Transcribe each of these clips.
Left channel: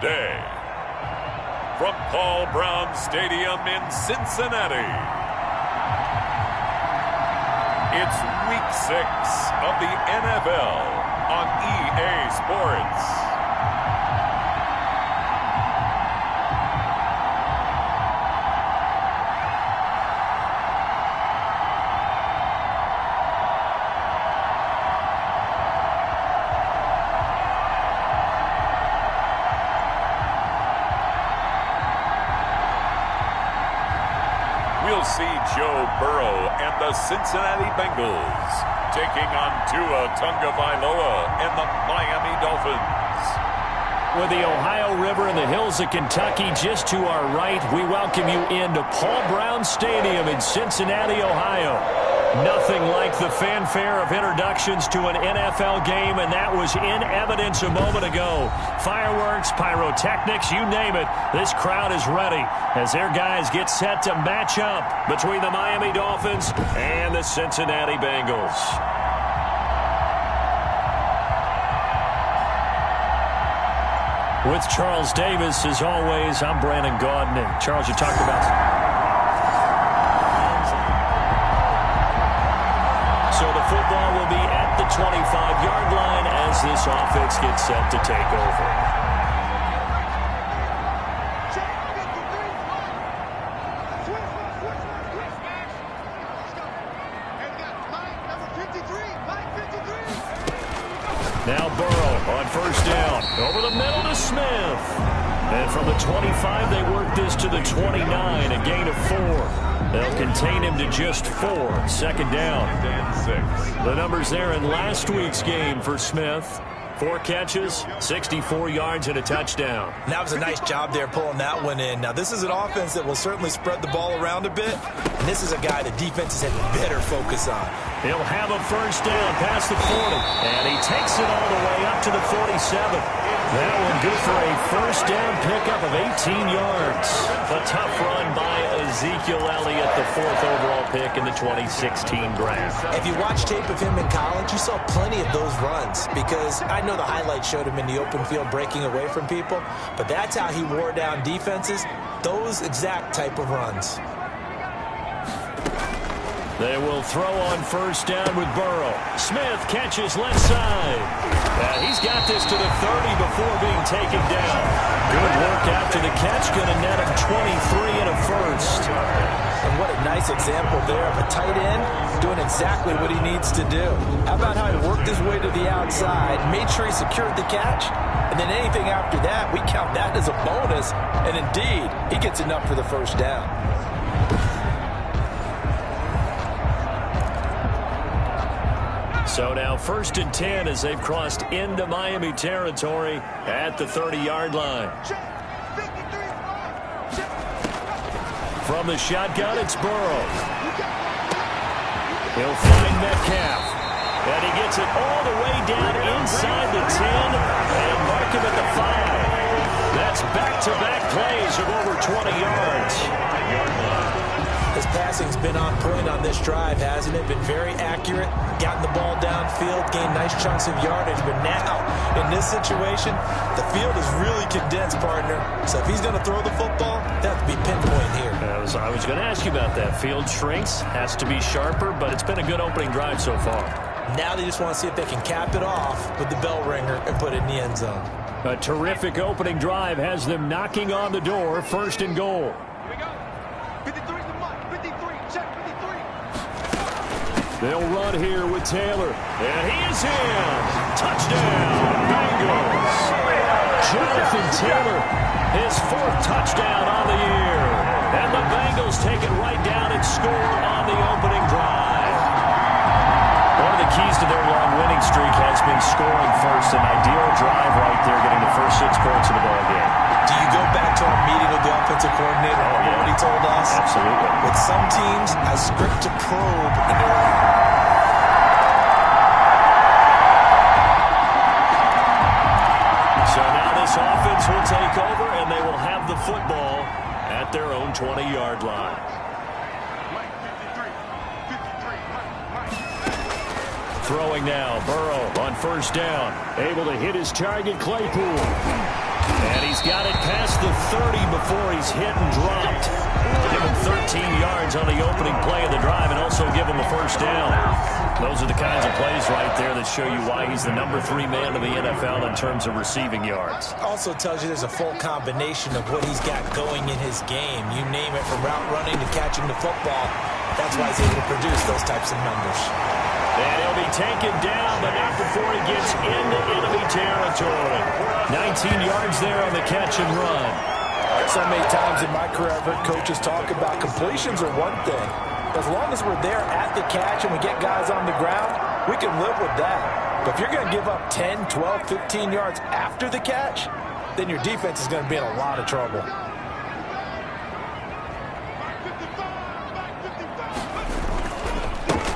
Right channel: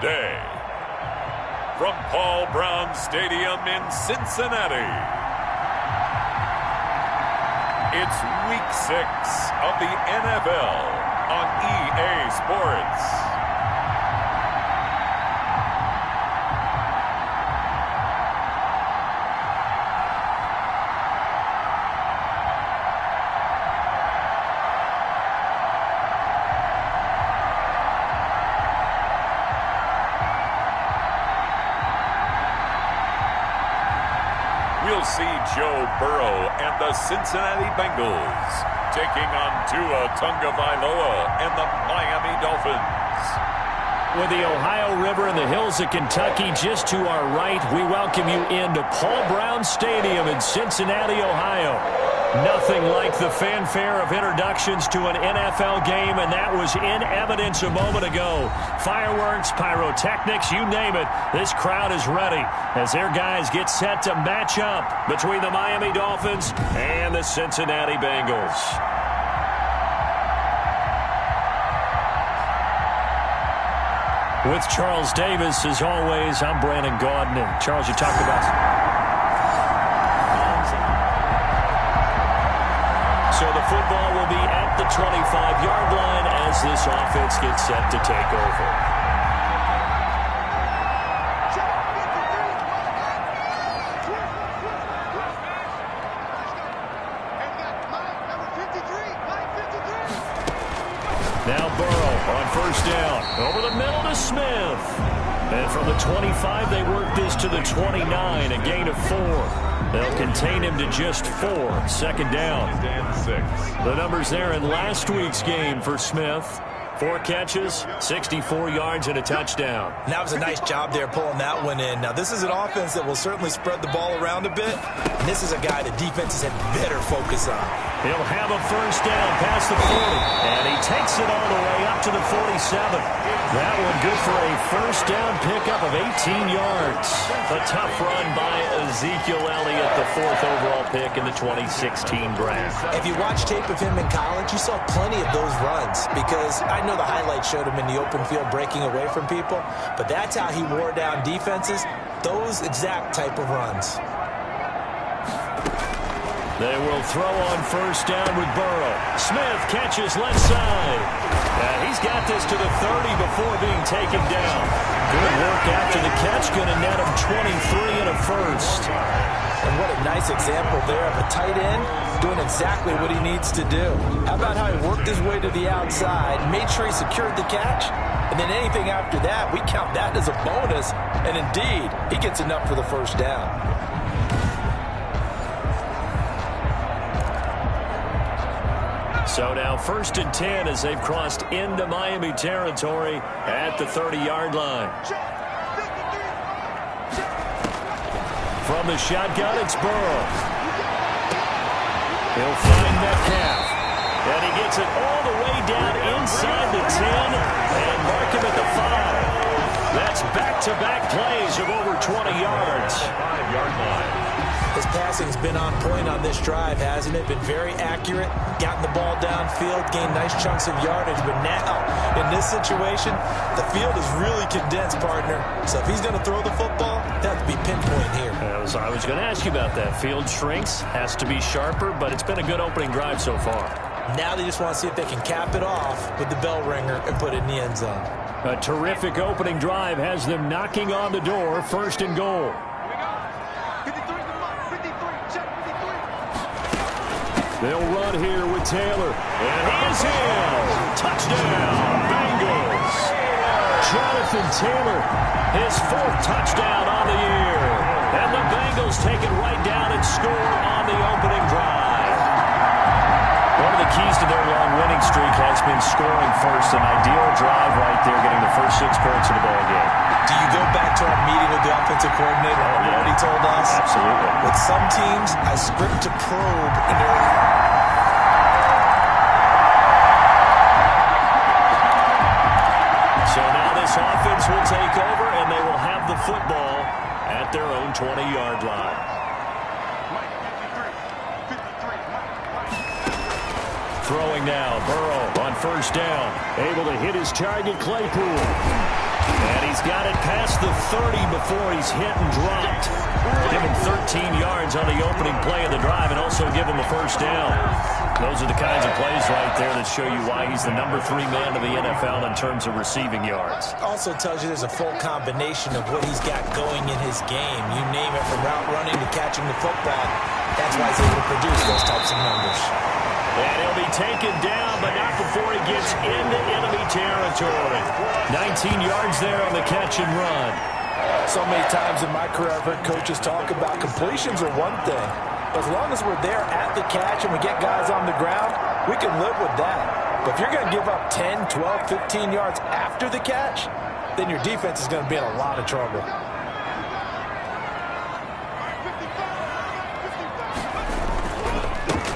today. From Paul Brown Stadium in Cincinnati, it's Week 6 of the NFL on EA Sports. We'll see Joe Burrow and the Cincinnati Bengals taking on Tua Tagovailoa and the Miami Dolphins. With the Ohio River and the hills of Kentucky just to our right, we welcome you into Paul Brown Stadium in Cincinnati, Ohio. Nothing like the fanfare of introductions to an NFL game, and that was in evidence a moment ago. Fireworks, pyrotechnics, you name it. This crowd is ready as their guys get set to match up between the Miami Dolphins and the Cincinnati Bengals. With Charles Davis, as always, I'm Brandon Gaudin. And Charles, you talked about... So the football will be at the 25-yard line as this offense gets set to take over. Now Burrow on first down. Over the middle to Smith. And from the 25, they work this to the 29, a gain of 4. They'll contain him to just 4. Second down. The numbers there in last week's game for Smith. 4 catches, 64 yards, and a touchdown. That was a nice job there pulling that one in. Now, this is an offense that will certainly spread the ball around a bit. And this is a guy the defenses had better focus on. He'll have a first down past the 40. And he takes it all the way up to the 47. That one good for a first down pickup of 18 yards. A tough run by Ezekiel Elliott, the 4th overall pick in the 2016 draft. If you watch tape of him in college, you saw plenty of those runs because I know the highlights showed him in the open field breaking away from people, but that's how he wore down defenses, those exact type of runs. They will throw on first down with Burrow. Smith catches left side. He's got this to the 30 before being taken down. Good work after the catch. Going to net him 23 and a first. And what a nice example there of a tight end doing exactly what he needs to do. How about how he worked his way to the outside, made sure he secured the catch, and then anything after that, we count that as a bonus. And indeed, he gets enough for the first down. So now 1st and 10 as they've crossed into Miami territory at the 30-yard line. From the shotgun, it's Burrow. He'll find Metcalf. And he gets it all the way down inside the 10 and mark him at the 5. That's back-to-back plays of over 20 yards. 5-yard line. His passing's been on point on this drive, hasn't it? Been very accurate, gotten the ball downfield, gained nice chunks of yardage. But now, in this situation, the field is really condensed, partner. So if he's going to throw the football, they have to be pinpoint here. I was going to ask you about that. Field shrinks, has to be sharper, but it's been a good opening drive so far. Now they just want to see if they can cap it off with the bell ringer and put it in the end zone. A terrific opening drive has them knocking on the door, 1st and goal. They'll run here with Taylor. And he is in. Touchdown, Bengals. Jonathan Taylor, his 4th touchdown on the year. And the Bengals take it right down and score on the opening drive. One of the keys to their long winning streak has been scoring first. An ideal drive right there, getting the first 6 points of the ball game. Do you go back to our meeting with the offensive coordinator? Remember what he told us? Absolutely. With some teams, I script to probe in their... So now this offense will take over, and they will have the football at their own 20-yard line. Throwing now, Burrow on first down. Able to hit his target, Claypool. And he's got it past the 30 before he's hit and dropped. Give him 13 yards on the opening play of the drive and also give him a first down. Those are the kinds of plays right there that show you why he's the number 3 man of the NFL in terms of receiving yards. Also tells you there's a full combination of what he's got going in his game. You name it, from route running to catching the football. That's why he's able to produce those types of numbers. And he'll be taken down, but not before he gets into enemy territory. 19 yards there on the catch and run. So many times in my career, I've heard coaches talk about completions are one thing. But as long as we're there at the catch and we get guys on the ground, we can live with that. But if you're going to give up 10, 12, 15 yards after the catch, then your defense is going to be in a lot of trouble.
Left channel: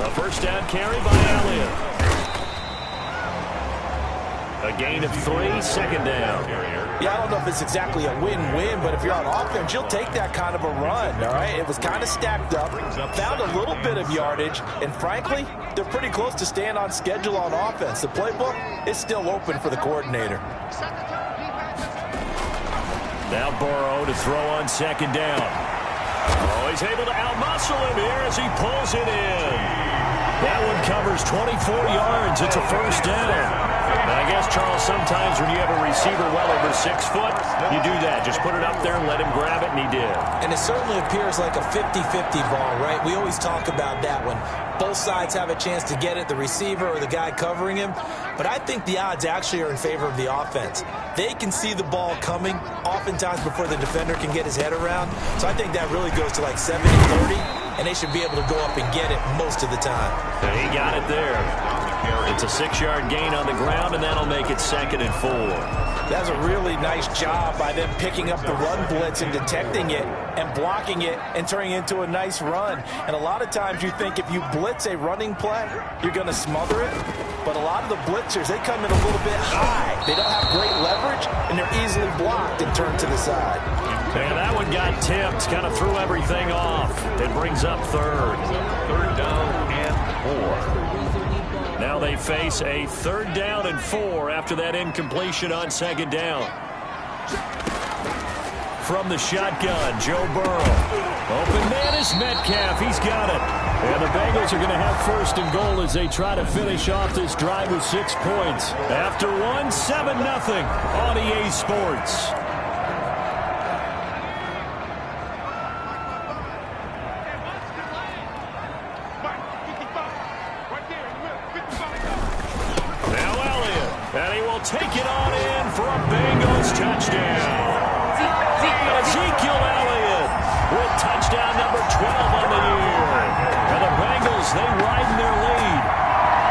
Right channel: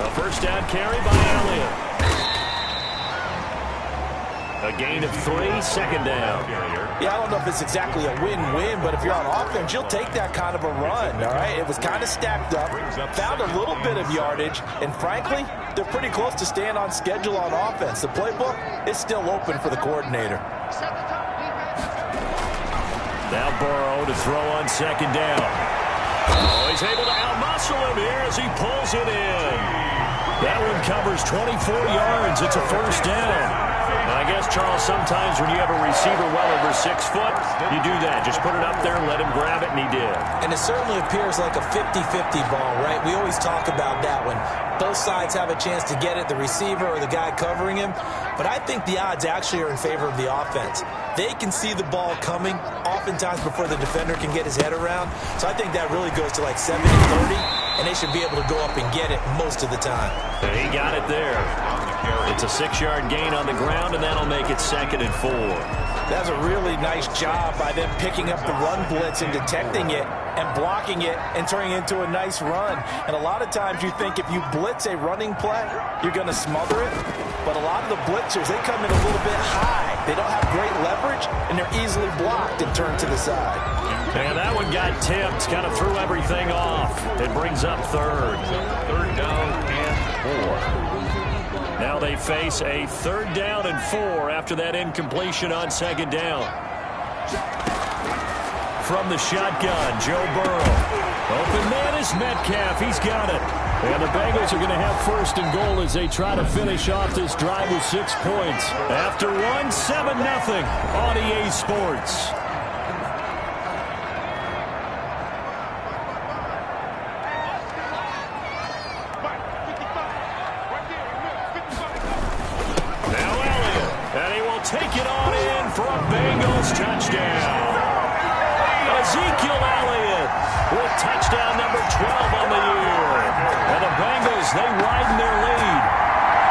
A first down carry by Elliott. A gain of 3, second down. Yeah, I don't know if it's exactly a win-win, but if you're on offense, you'll take that kind of a run, all right? It was kind of stacked up, found a little bit of yardage, and frankly, they're pretty close to staying on schedule on offense. The playbook is still open for the coordinator. Now Burrow to throw on second down. Oh, he's able to outmuscle him here as he pulls it in. That one covers 24 yards. It's a first down. And I guess, Charles, sometimes when you have a receiver well over 6 foot, you do that. Just put it up there and let him grab it, and he did. And it certainly appears like a 50-50 ball, right? We always talk about that when both sides have a chance to get it, the receiver or the guy covering him. But I think the odds actually are in favor of the offense. They can see the ball coming oftentimes before the defender can get his head around. So I think that really goes to like 70-30, and they should be able to go up and get it most of the time. And he got it there. It's a 6-yard gain on the ground, and that'll make it 2nd and 4. That's a really nice job by them picking up the run blitz and detecting it and blocking it and turning it into a nice run. And a lot of times you think if you blitz a running play, you're going to smother it. But a lot of the blitzers, they come in a little bit high. They don't have great leverage, and they're easily blocked and turned to the side. And that one got tipped, kind of threw everything off. It brings up 3rd. 3rd down and 4. Now they face a 3rd down and 4 after that incompletion on 2nd down. From the shotgun, Joe Burrow. Open man is Metcalf. He's got it. And the Bengals are going to have 1st and goal as they try to finish off this drive with 6 points. After one, 7-0 on EA Sports. Take it on in for a Bengals touchdown. Ezekiel Elliott with touchdown number 12 on the year. And the Bengals, they widen their lead.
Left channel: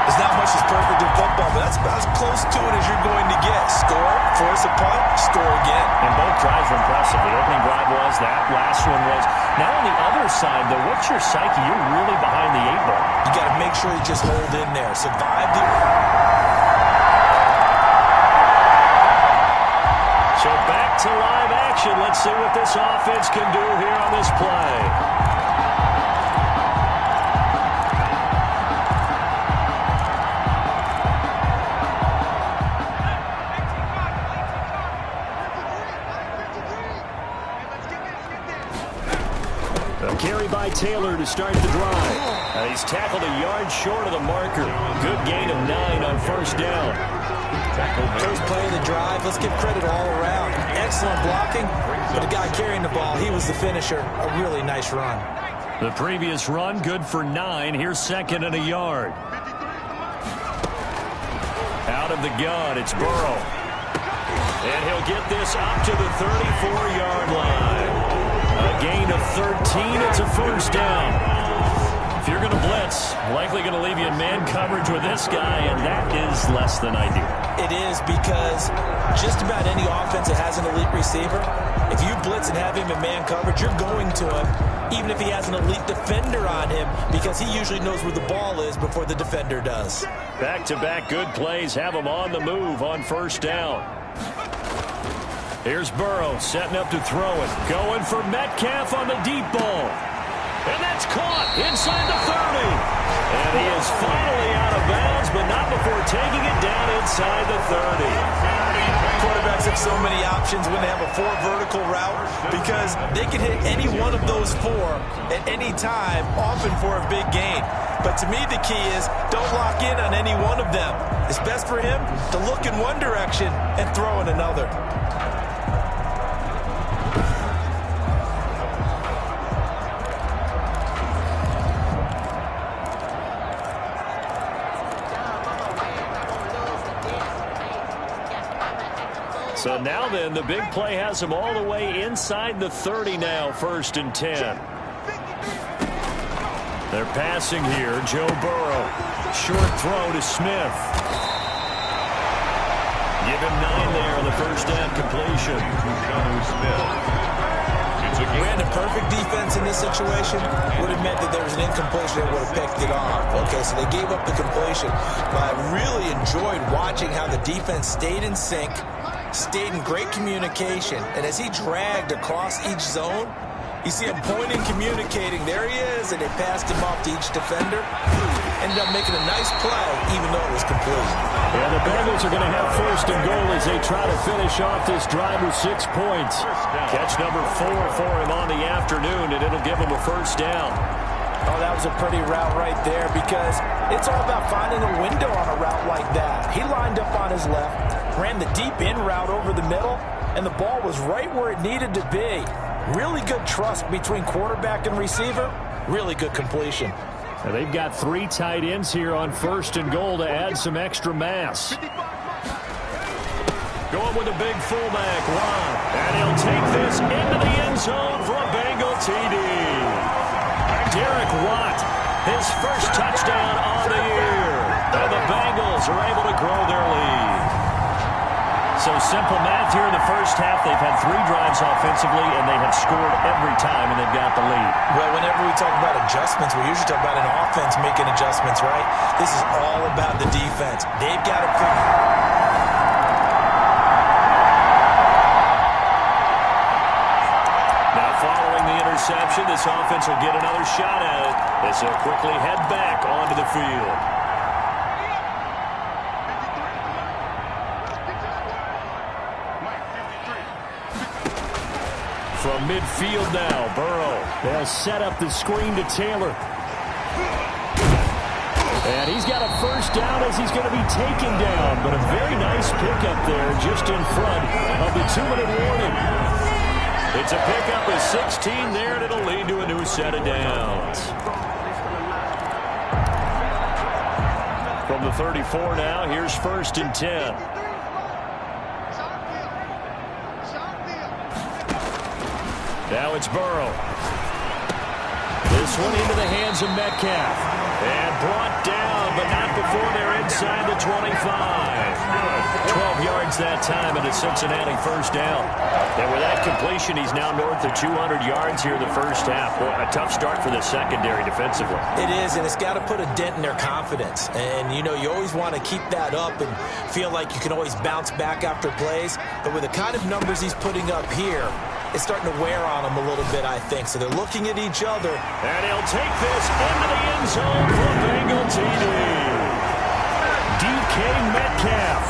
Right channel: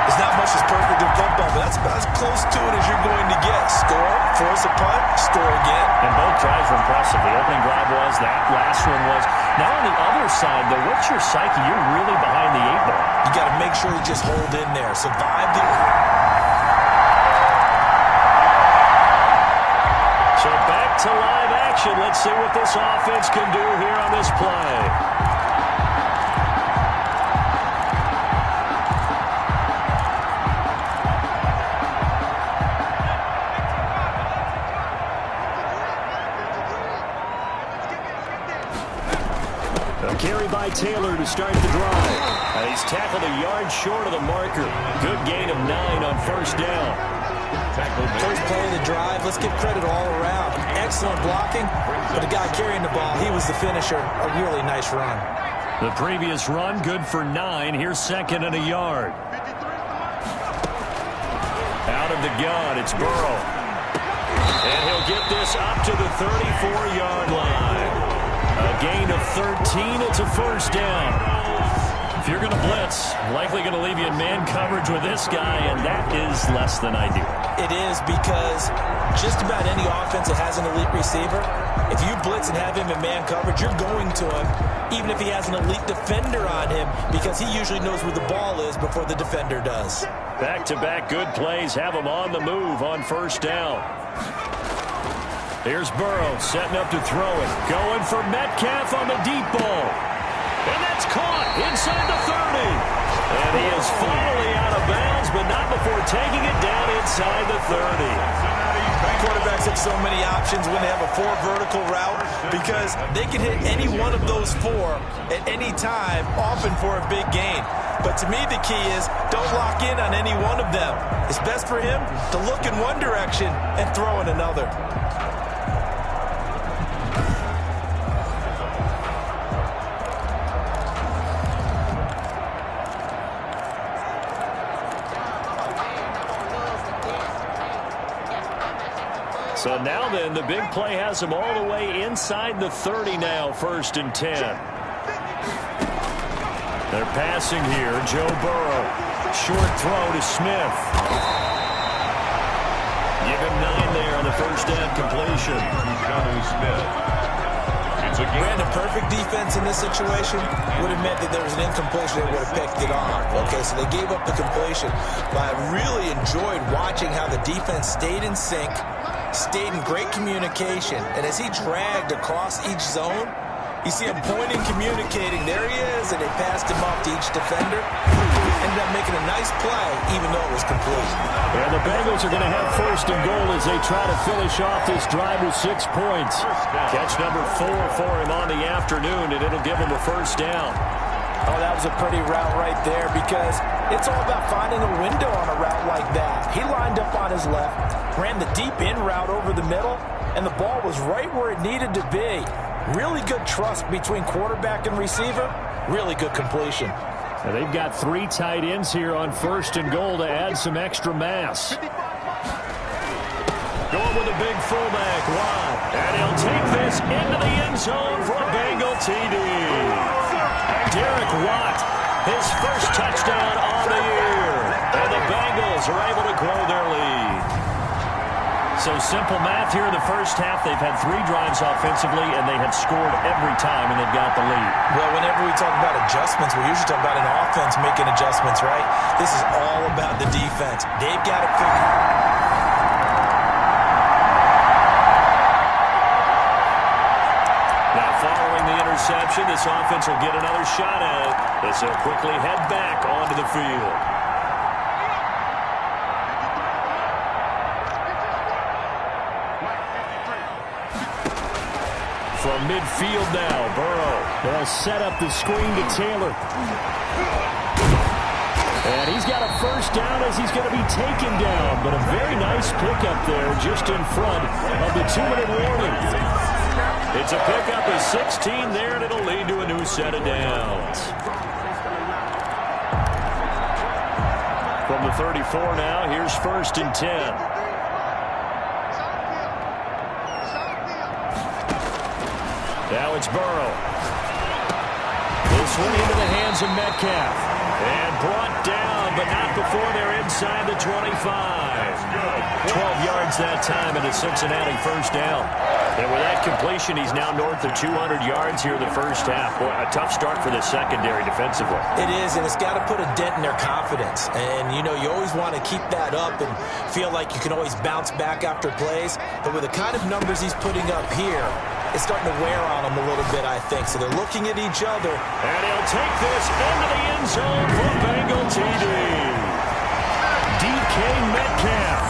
There's not much that's perfect in football, but that's about as close to it as you're going to get. Score, force a punt, score again. And both drives were impressive. The opening drive was, that last one was. Now on the other side, though, what's your psyche? You're really behind the 8 ball. You got to make sure you just hold in there. Survive the... So back to live action. Let's see what this offense can do here on this play. A carry by Taylor to start the drive. And he's tackled a yard short of the marker. Good gain of 9 on 1st down. First play of the drive, let's give credit all around. Excellent blocking, but the guy carrying the ball, he was the finisher. A really nice run. The previous run, good for 9. Here's 2nd and a yard. Out of the gun, it's Burrow. And he'll get this up to the 34-yard line. A gain of 13, it's a first down. If you're going to blitz, likely going to leave you in man coverage with this guy, and that is less than ideal. It is, because just about any offense that has an elite receiver, if you blitz and have him in man coverage, you're going to him, even if he has an elite defender on him, because he usually knows where the ball is before the defender does. Back-to-back good plays have him on the move on 1st down. Here's Burrow setting up to throw it. Going for Metcalf on the deep ball. And that's caught inside the 30. And he is finally out of bounds, but not before taking it down inside the 30. Quarterbacks have so many options when they have a 4 vertical route because they can hit any one of those 4 at any time, often for a big gain. But to me, the key is don't lock in on any one of them. It's best for him to look in one direction and throw in another. So now then, the big play has him all the way inside the 30 now, 1st and 10. They're passing here. Joe Burrow. Short throw to Smith. Give him 9 there on the first down completion. Brandon, perfect defense in this situation would have meant that there was an incompletion. They would have picked it off. Okay, so they gave up the completion. But I really enjoyed watching how the defense stayed in sync, stayed in great communication, and as he dragged across each zone, you see him pointing, communicating. There he is, and they passed him off to each defender. Ended up making a nice play, even though it was complete. Yeah, the Bengals are going to have 1st and goal as they try to finish off this drive with 6 points. Catch number 4 for him on the afternoon, and it'll give him a 1st down. Oh, that was a pretty route right there because it's all about finding a window on a route like that. He lined up on his left, ran the deep in route over the middle, and the ball was right where it needed to be. Really good trust between quarterback and receiver. Really good completion. And they've got 3 tight ends here on 1st and goal to add some extra mass. Going with a big fullback, Watt. And he'll take this into the end zone for a Bengal TD. Derek Watt, his first touchdown on the year. And the Bengals are able to grow their lead. So simple math here in the first half. They've had 3 drives offensively, and they have scored every time, and they've got the lead. Well, whenever we talk about adjustments, we usually talk about an offense making adjustments, right? This is all about the defense. They've got to figure. Now, following the interception, this offense will get another shot at it as they'll quickly head back onto the field. From midfield now, Burrow. They'll set up the screen to Taylor. And he's got a 1st down as he's going to be taken down. But a very nice pickup there just in front of the 2-minute warning. It's a pickup of 16 there, and it'll lead to a new set of downs. From the 34 now, here's 1st and 10. Now it's Burrow. This one into the hands of Metcalf. And brought down, but not before they're inside the 25. 12 yards that time, and a Cincinnati 1st down. And with that completion, he's now north of 200 yards here in the first half. Boy, a tough start for the secondary defensively. It is, and it's got to put a dent in their confidence. And, you know, you always want to keep that up and feel like you can always bounce back after plays. But with the kind of numbers he's putting up here, it's starting to wear on them a little bit, I think. So they're looking at each other. And he'll take this into the end zone for a Bengal TD. DK Metcalf,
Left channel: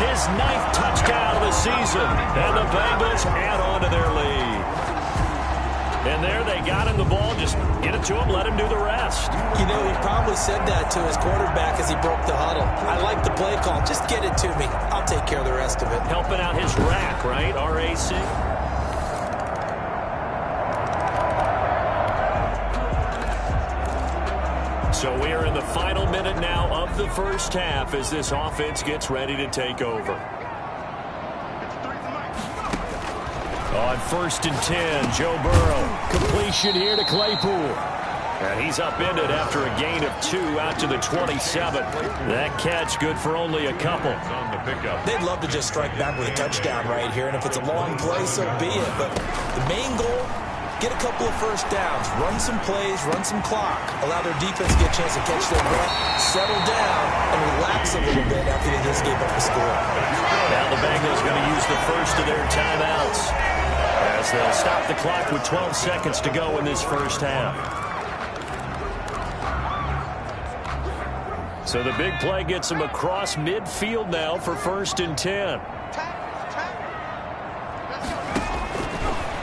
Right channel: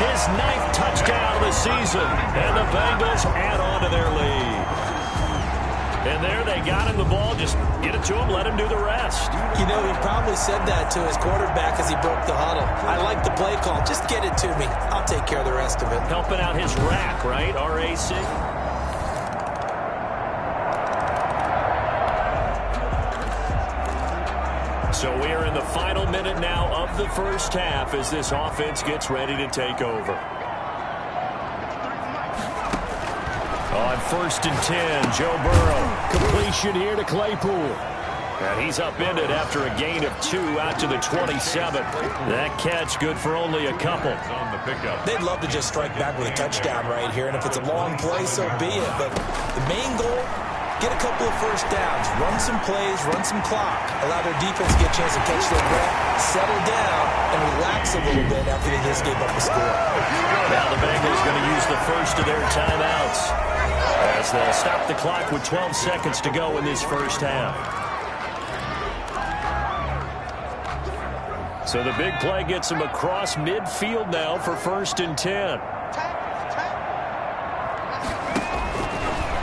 his 9th touchdown of the season. And the Bengals add on to their lead. And there they got him the ball. Just get it to him, let him do the rest. You know, he probably said that to his quarterback as he broke the huddle. I like the play call. Just get it to me. I'll take care of the rest of it. Helping out his rack, right? RAC. So we are in the final minute now of the first half as this offense gets ready to take over. On 1st and 10, Joe Burrow. Completion here to Claypool. And he's upended after a gain of 2 out to the 27. That catch good for only a couple. They'd love to just strike back with a touchdown right here, and if it's a long play, so be it. But the main goal, get a couple of 1st downs, run some plays, run some clock, allow their defense to get a chance to catch their breath, settle down, and relax a little bit after they just gave up a score. Now the Bengals going to use the first of their timeouts as they'll stop the clock with 12 seconds to go in this first half. So the big play gets him across midfield now for 1st and 10.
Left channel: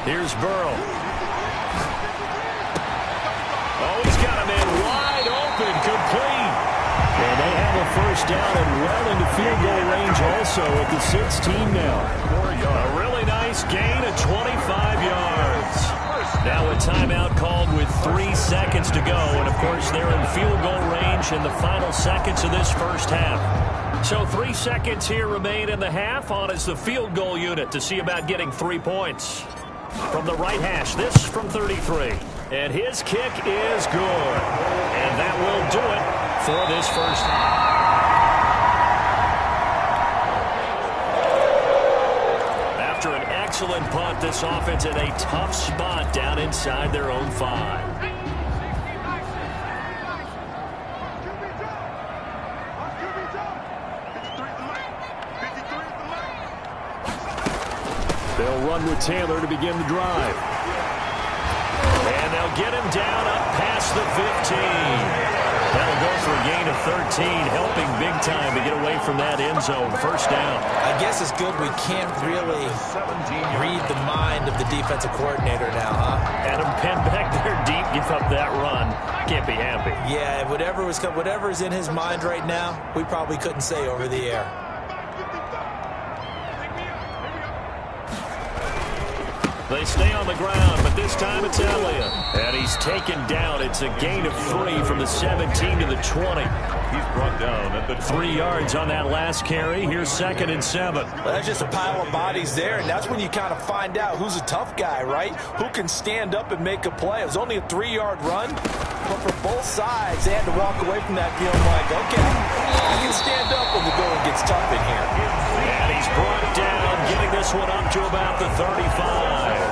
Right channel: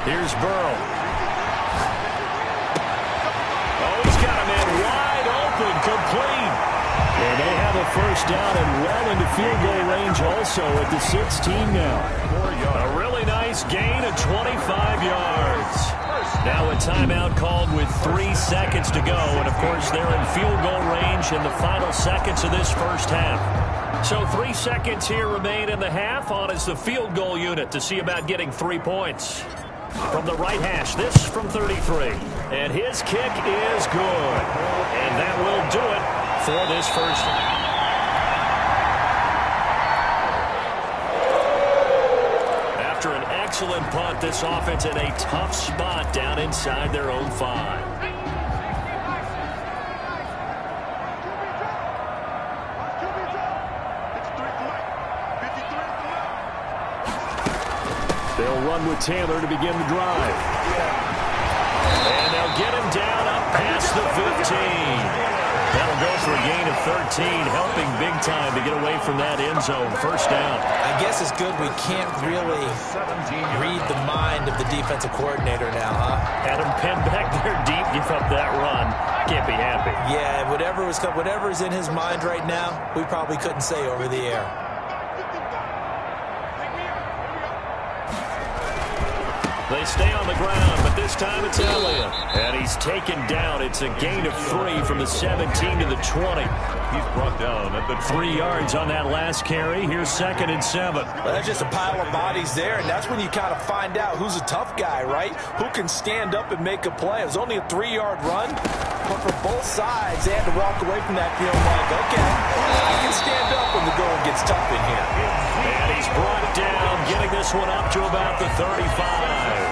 Here's Burrow. Oh, he's got him in wide open, complete. And they have a 1st down and well into field goal range also at the 16 now. A really nice gain of 25 yards. Now a timeout called with 3 seconds to go. And, of course, they're in field goal range in the final seconds of this first half. So 3 seconds here remain in the half. On is the field goal unit to see about getting 3 points. From the right hash, this from 33. And his kick is good. And that will do it for this first. After an excellent punt, this offense in a tough spot down inside their own 5. They'll run with Taylor to begin the drive. And they'll get him down up past the 15. That'll go for a gain of 13, helping big time to get away from that end zone. 1st down. I guess it's good we can't really read the mind of the defensive coordinator now, huh? Adam Penn back there deep, give up that run. Can't be happy. Yeah, whatever is in his mind right now, we probably couldn't say over the air. They stay on the ground, but this time it's Elliott. And he's taken down. It's a gain of 3 from the 17 to the 20. He's brought down at the 3 yards on that last carry. Here's 2nd and 7. Well, that's just a pile of bodies there, and that's when you kind of find out who's a tough guy, right? Who can stand up and make a play. It was only a 3-yard run, but for both sides, they had to walk away from that feeling like, okay, I can stand up when the going gets tough in here. And he's brought down, getting this one up to about the 35.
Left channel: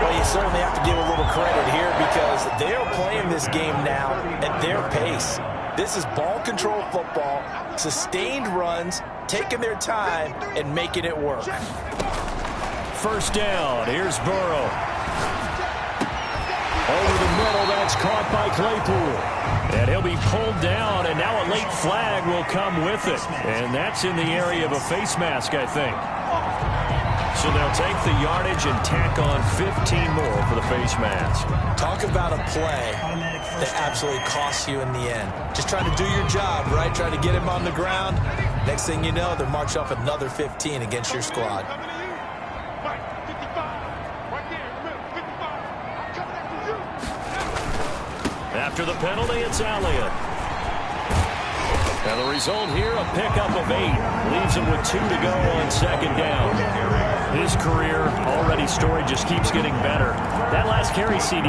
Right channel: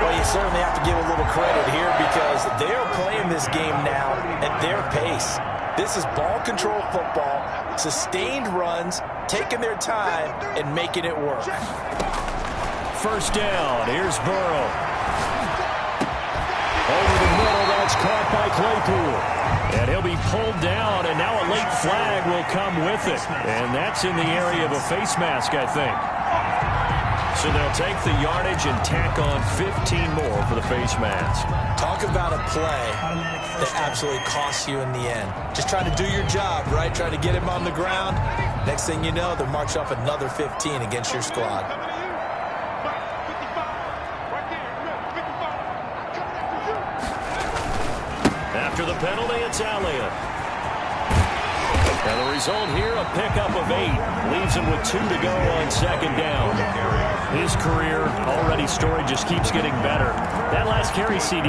Well, you certainly have to give a little credit here because they're playing this game now at their pace. This is ball control football, sustained runs, taking their time, and making it work. 1st down. Here's Burrow. Over the middle, that's caught by Claypool. And he'll be pulled down, and now a late flag will come with it. And that's in the area of a face mask, I think. So they'll take the yardage and tack on 15 more for the face mask. Talk about a play that absolutely costs you in the end. Just trying to do your job, right? Trying to get him on the ground. Next thing you know, they'll march off another 15 against your squad. After the penalty, it's Elliott. And the result here, a pickup of 8. Leaves him with 2 to go on 2nd down. His career already storied, just keeps getting better. That last carry, CD,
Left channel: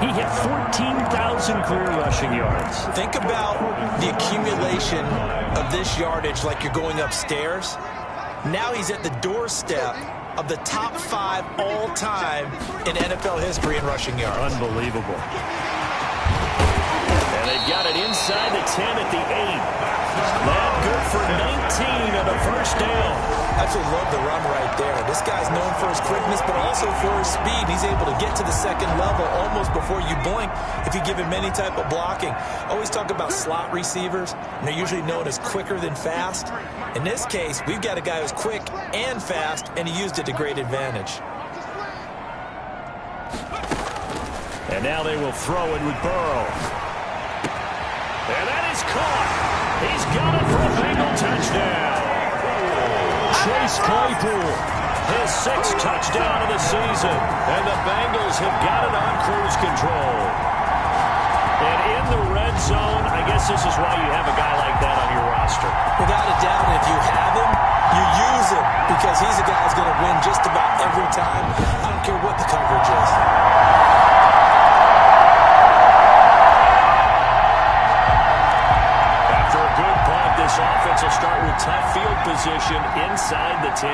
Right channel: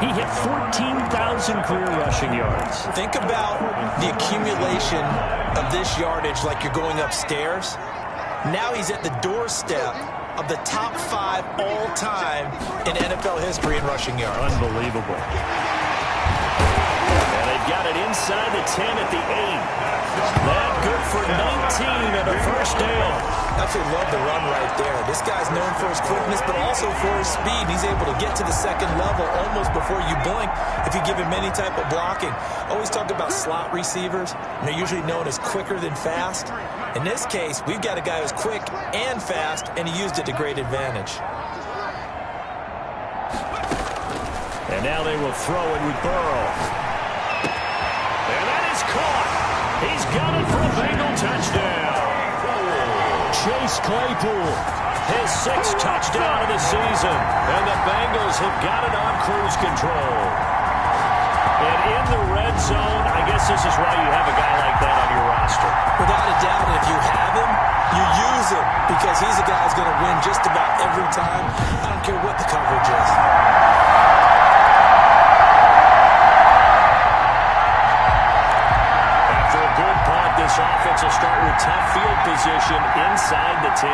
he hit 14,000 career rushing yards. Think about the accumulation of this yardage like you're going upstairs. Now he's at the doorstep of the top 5 all-time in NFL history in rushing yards. Unbelievable. And they've got it inside the 10 at the 8. That good for 19 and a 1st down. Absolutely love the run right there. This guy's known for his quickness, but also for his speed. He's able to get to the 2nd level almost before you blink if you give him any type of blocking. Always talk about slot receivers, and they're usually known as quicker than fast. In this case, we've got a guy who's quick and fast, and he used it to great advantage. And now they will throw it with Burrow. And that is caught. He's got it for a Bengal touchdown. Chase Claypool, his 6th touchdown of the season. And the Bengals have got it on cruise control. And in the red zone, I guess this is why you have a guy like that on your roster. Without a doubt, if you have him, you use him because he's a guy who's going to win just about every time. I don't care what the coverage is. After a good punt, this offense will start with tough field position inside the 10.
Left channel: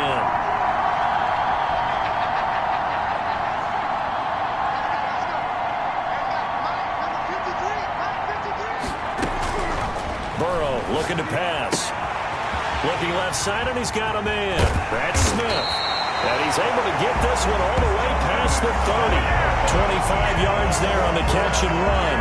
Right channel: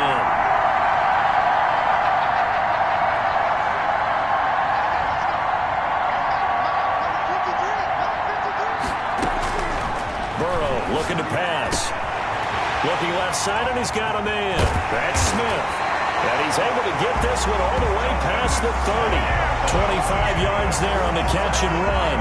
Burrow looking to pass. Looking left side, and he's got a man. That's Smith. And he's able to get this one all the way past the 30. 25 yards there on the catch and run.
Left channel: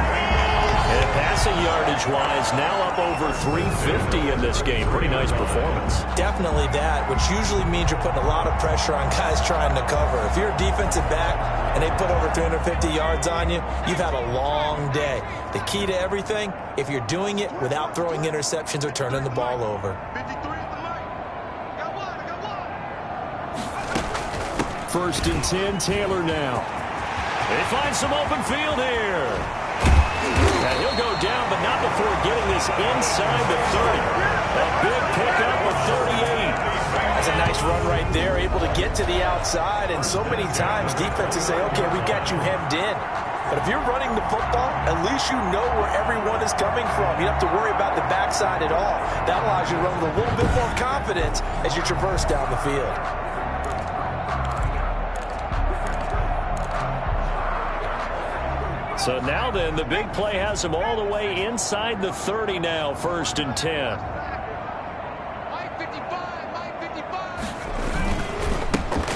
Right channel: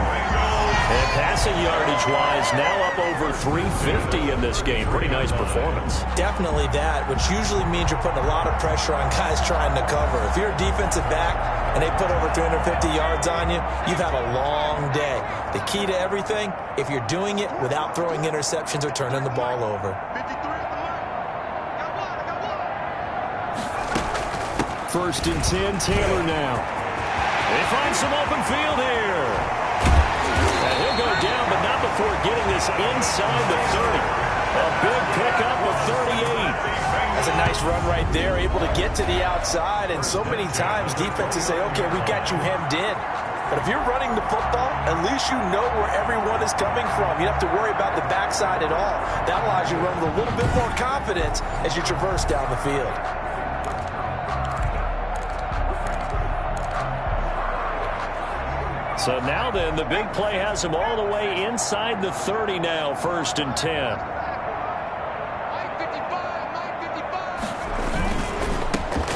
And passing yardage-wise, now up over 350 in this game. Pretty nice performance. Definitely that, which usually means you're putting a lot of pressure on guys trying to cover. If you're a defensive back and they put over 350 yards on you, you've had a long day. The key to everything, if you're doing it without throwing interceptions or turning the ball over. First and 10, Taylor now. They find some open field here. And he'll go down, but not before getting this inside the 30. A big pickup of 38. That's a nice run right there, able to get to the outside. And so many times defenses say, okay, we got you hemmed in. But if you're running the football, at least you know where everyone is coming from. You don't have to worry about the backside at all. That allows you to run with a little bit more confidence as you traverse down the field. So now then, the big play has him all the way inside the 30 now, first and 10.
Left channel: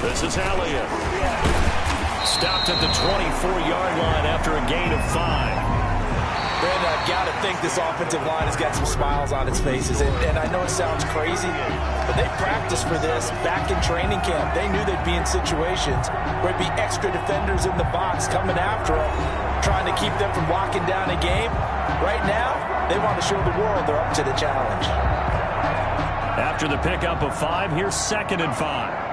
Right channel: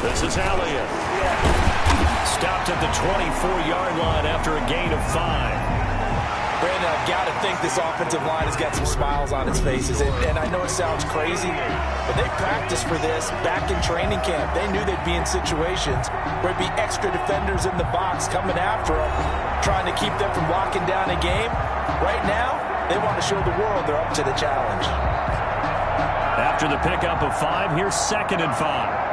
This is Elliott. Stopped at the 24-yard line after a gain of 5. Brandon, I've got to think this offensive line has got some smiles on its faces. And I know it sounds crazy, but they practiced for this back in training camp. They knew they'd be in situations where there'd be extra defenders in the box coming after them, trying to keep them from locking down a game. Right now, they want to show the world they're up to the challenge. After the pickup of 5, here's second and 5.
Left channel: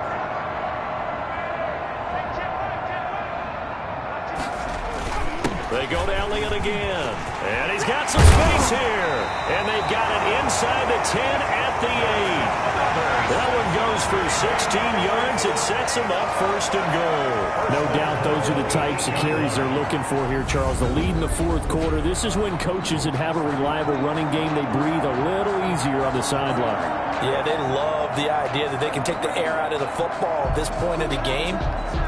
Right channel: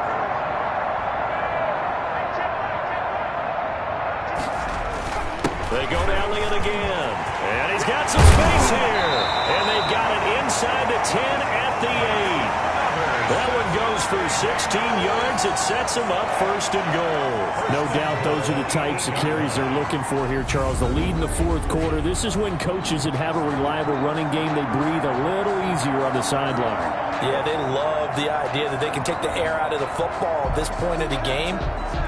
They go to Elliott again. And he's got some space here. And they've got it inside the 10 at the 8. That one goes for 16 yards. It sets them up first and goal. No doubt those are the types of carries they're looking for here, Charles. The lead in the fourth quarter. This is when coaches that have a reliable running game, they breathe a little easier on the sideline. Yeah, they love the idea that they can take the air out of the football at this point of the game.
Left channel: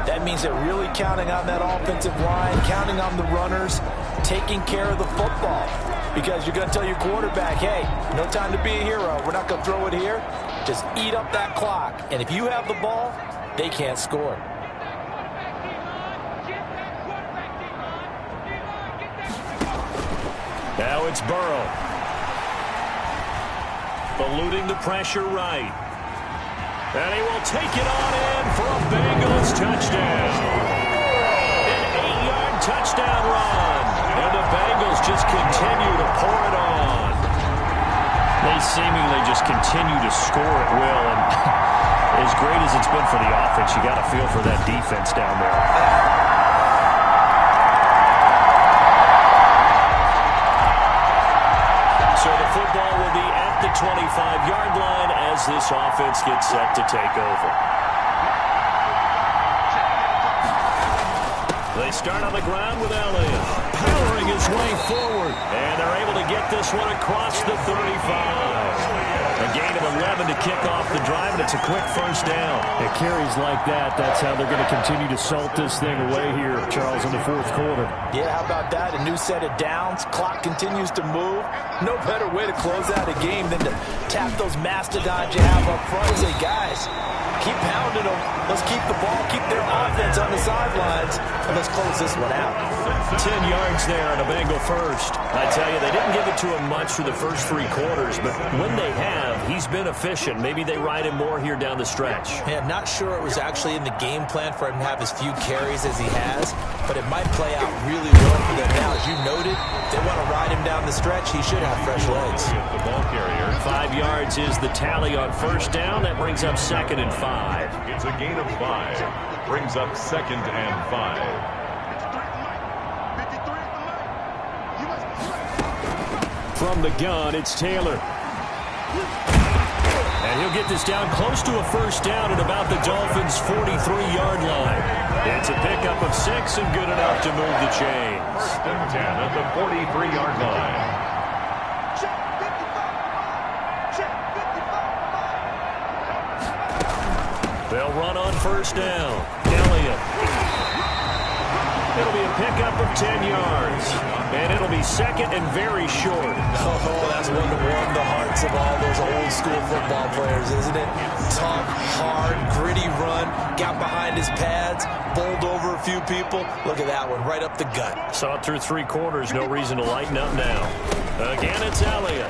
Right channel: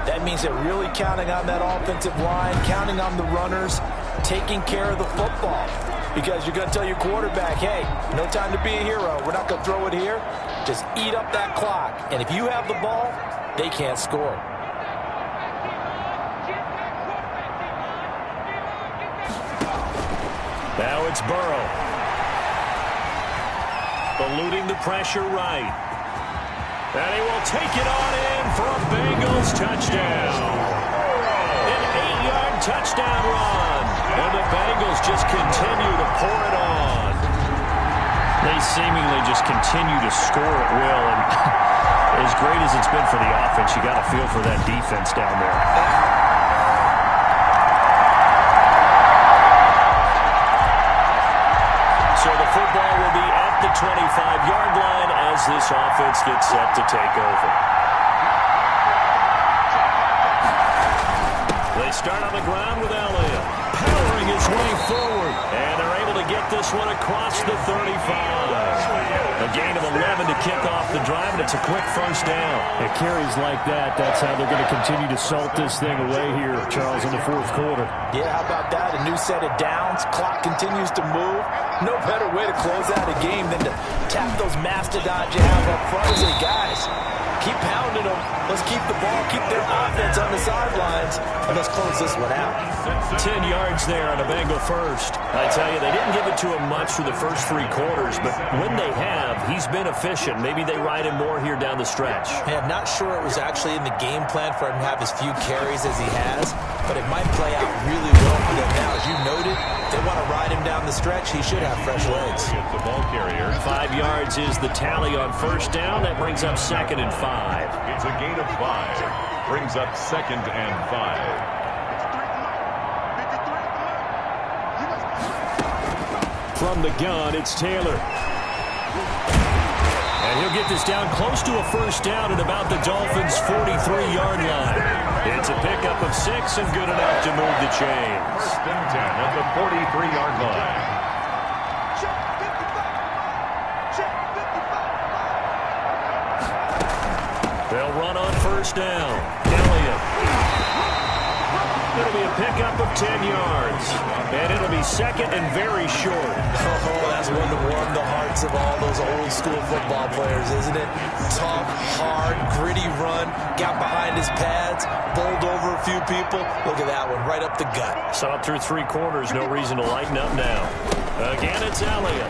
That means they're really counting on that offensive line, counting on the runners, taking care of the football. Because you're going to tell your quarterback, hey, no time to be a hero. We're not going to throw it here. Just eat up that clock. And if you have the ball, they can't score. Now it's Burrow. Eluding the pressure right. And he will take it on in for a Bengals touchdown. An 8-yard touchdown run. And the Bengals just continue to pour it on. They seemingly just continue to score at will. And as great as it's been for the offense, you got to feel for that defense down there. So the football will be at the 25-yard line as this offense gets set to take over. They start on the ground with Elliott, powering his way forward. And they're able to get this one across the 35. A gain of 11 to kick off the drive, and it's a quick first down. At carries like that, that's how they're going to continue to salt this thing away here, Charles, in the fourth quarter. Yeah, how about that? A new set of downs. Clock continues to move. No better way to close out a game than to tap those mastodons you have up front and say, guys, keep pounding them. Let's keep the ball, keep their offense on the sidelines, and let's close this one out. 10 yards there on a Bengal first. I tell you, they didn't give it to him much for the first 3 quarters, but when they have, he's been efficient. Maybe they ride him more here down the stretch. Yeah, not sure it was actually in the game plan for him to have as few carries as he has, but it might play out really well for them now. As you noted, if they want to ride him down the stretch, he should have fresh legs. The ball carrier. 5 yards is the tally on first down. That brings up second and 5. It's a gain of 5. Brings up second and 5. From the gun, it's Taylor. And he'll get this down close to a first down at about the Dolphins' 43-yard line. It's a pickup of 6 and good enough to move the chains. First and 10 at the 43-yard line. They'll run on first down. Elliott. It'll be a pickup of 10 yards. And it'll be second and very short. Oh, that's one to warm the hearts of all those old school football players, isn't it? Tough, hard, gritty run. Got behind his pads, bowled over a few people. Look at that one, right up the gut. Saw it through 3 quarters. No reason to lighten up now. Again, it's Elliott.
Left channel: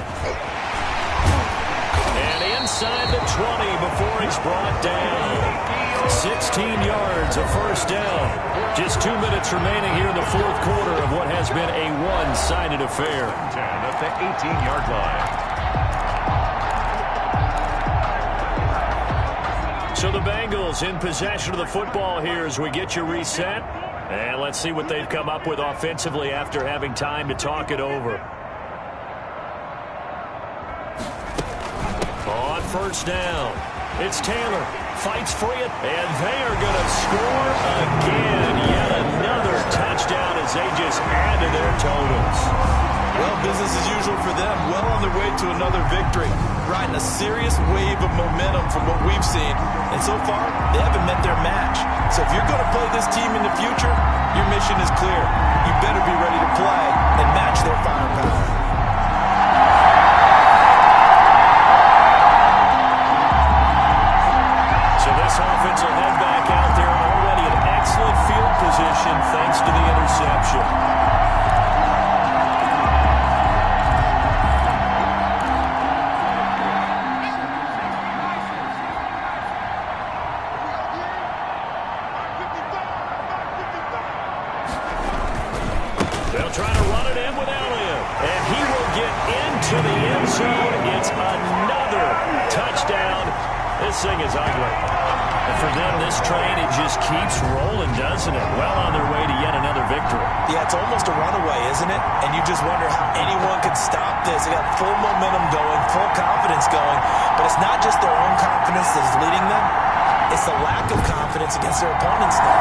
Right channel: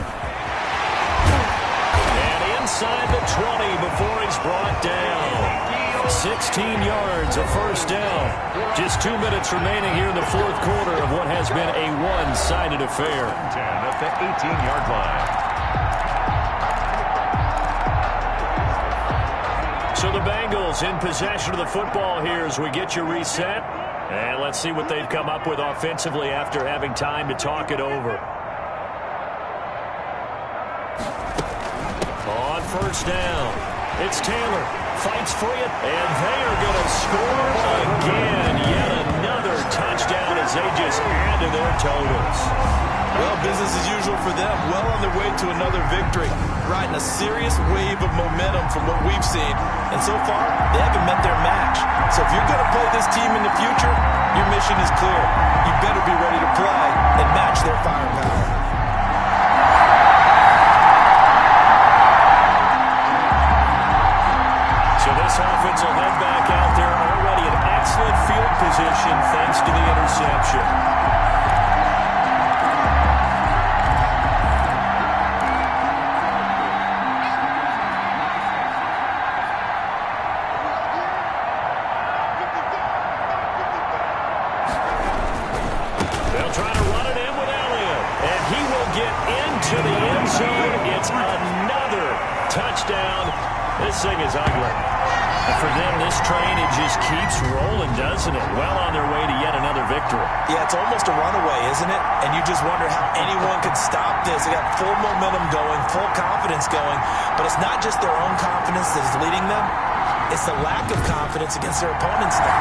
And inside the 20 before he's brought down. 16 yards, a first down. Just 2 minutes remaining here in the 4th quarter of what has been a one-sided affair. 10 at the 18-yard line. So the Bengals in possession of the football here as we get you reset. And let's see what they've come up with offensively after having time to talk it over. On first down, it's Taylor. Fights for it, and they are going to score again. Yet another touchdown as they just add to their totals. Well, business as usual for them. Well on their way to another victory. Riding a serious wave of momentum from what we've seen. And so far, they haven't met their match. So if you're going to play this team in the future, your mission is clear. You better be ready to play and match their firepower. So this offense will head back out there, already in excellent field position thanks to the interception. They'll try to run it in with Elliott, and he will get into the end zone. It's another touchdown. This thing is ugly. And for them, this train, it just keeps rolling, doesn't it? Well on their way to yet another victory. Yeah, it's almost a runaway, isn't it? And you just wonder how anyone could stop this. They got full momentum going, full confidence going. But it's not just their own confidence that is leading them. It's the lack of confidence against their opponents now.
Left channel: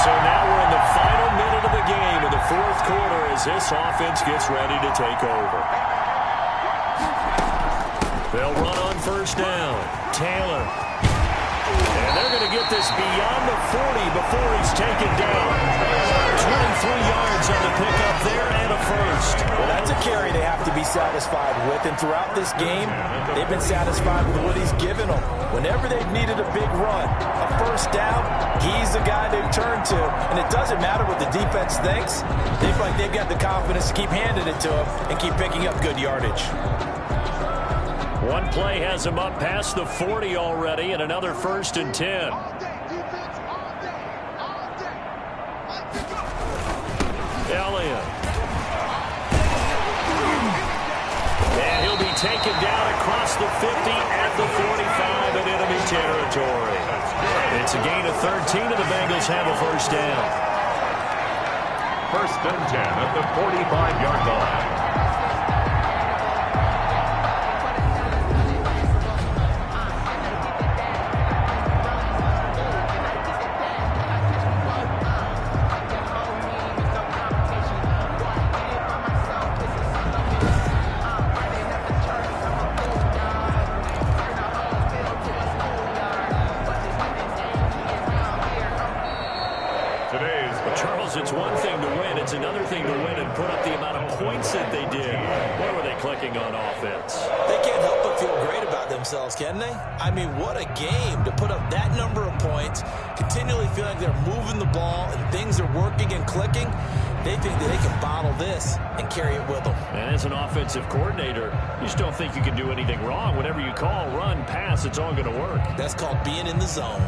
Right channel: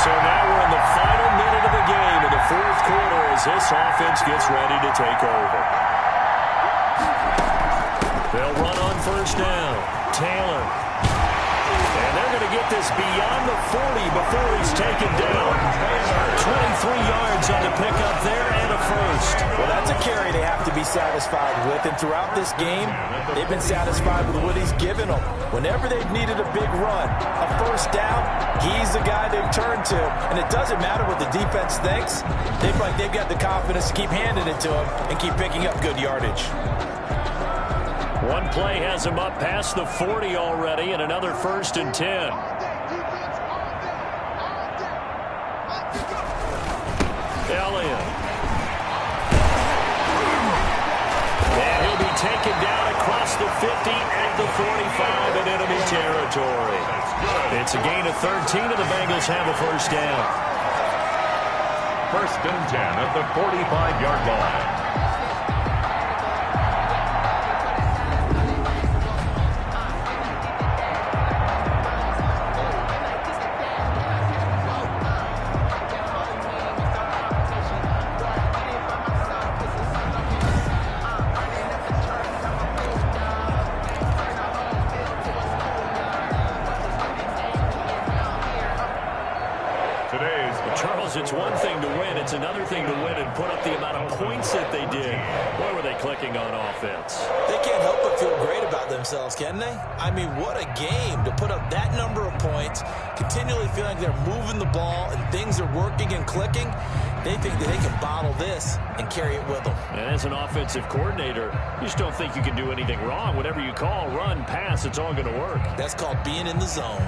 So now we're in the final minute of the game in the 4th quarter as this offense gets ready to take over. They'll run on first down. Taylor. And they're going to get this beyond the 40 before he's taken down. 23 yards on the pickup there and a first. Well, that's a carry they have to be satisfied with. And throughout this game, they've been satisfied with what he's given them. Whenever they've needed a big run, a first down, he's the guy they've turned to. And it doesn't matter what the defense thinks. They feel like they've got the confidence to keep handing it to him and keep picking up good yardage. One play has him up past the 40 already, and another 1st and 10. Elliott. And he'll be taken down across the 50 at the 45 in enemy territory. It's a gain of 13, and the Bengals have a first down. 1st and 10 at the 45-yard line. Well, Charles, it's one thing to win. It's another thing to win and put up the amount of points that they did. Boy, were they clicking on offense. They can't help but feel great about themselves, can they? I mean, what a game to put up that number of points, continually feeling like they're moving the ball and things are working and clicking. They think that they can bottle this and carry it with them. And as an offensive coordinator, you just don't think you can do anything wrong. Whatever you call, run, pass, it's all going to work. That's called being in the zone.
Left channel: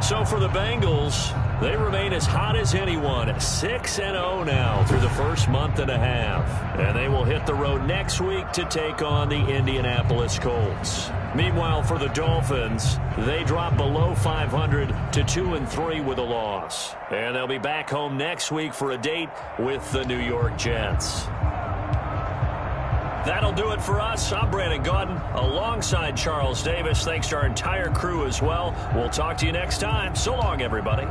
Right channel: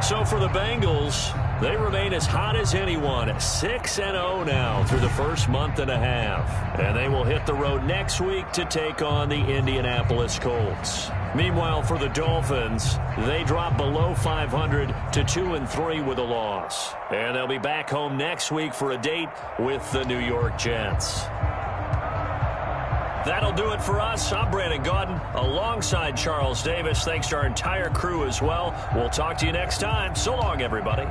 So for the Bengals, they remain as hot as anyone, 6-0 now through the first month and a half. And they will hit the road next week to take on the Indianapolis Colts. Meanwhile, for the Dolphins, they drop below 500 to 2-3 with a loss. And they'll be back home next week for a date with the New York Jets. That'll do it for us. I'm Brandon Gaudin alongside Charles Davis. Thanks to our entire crew as well. We'll talk to you next time. So long, everybody.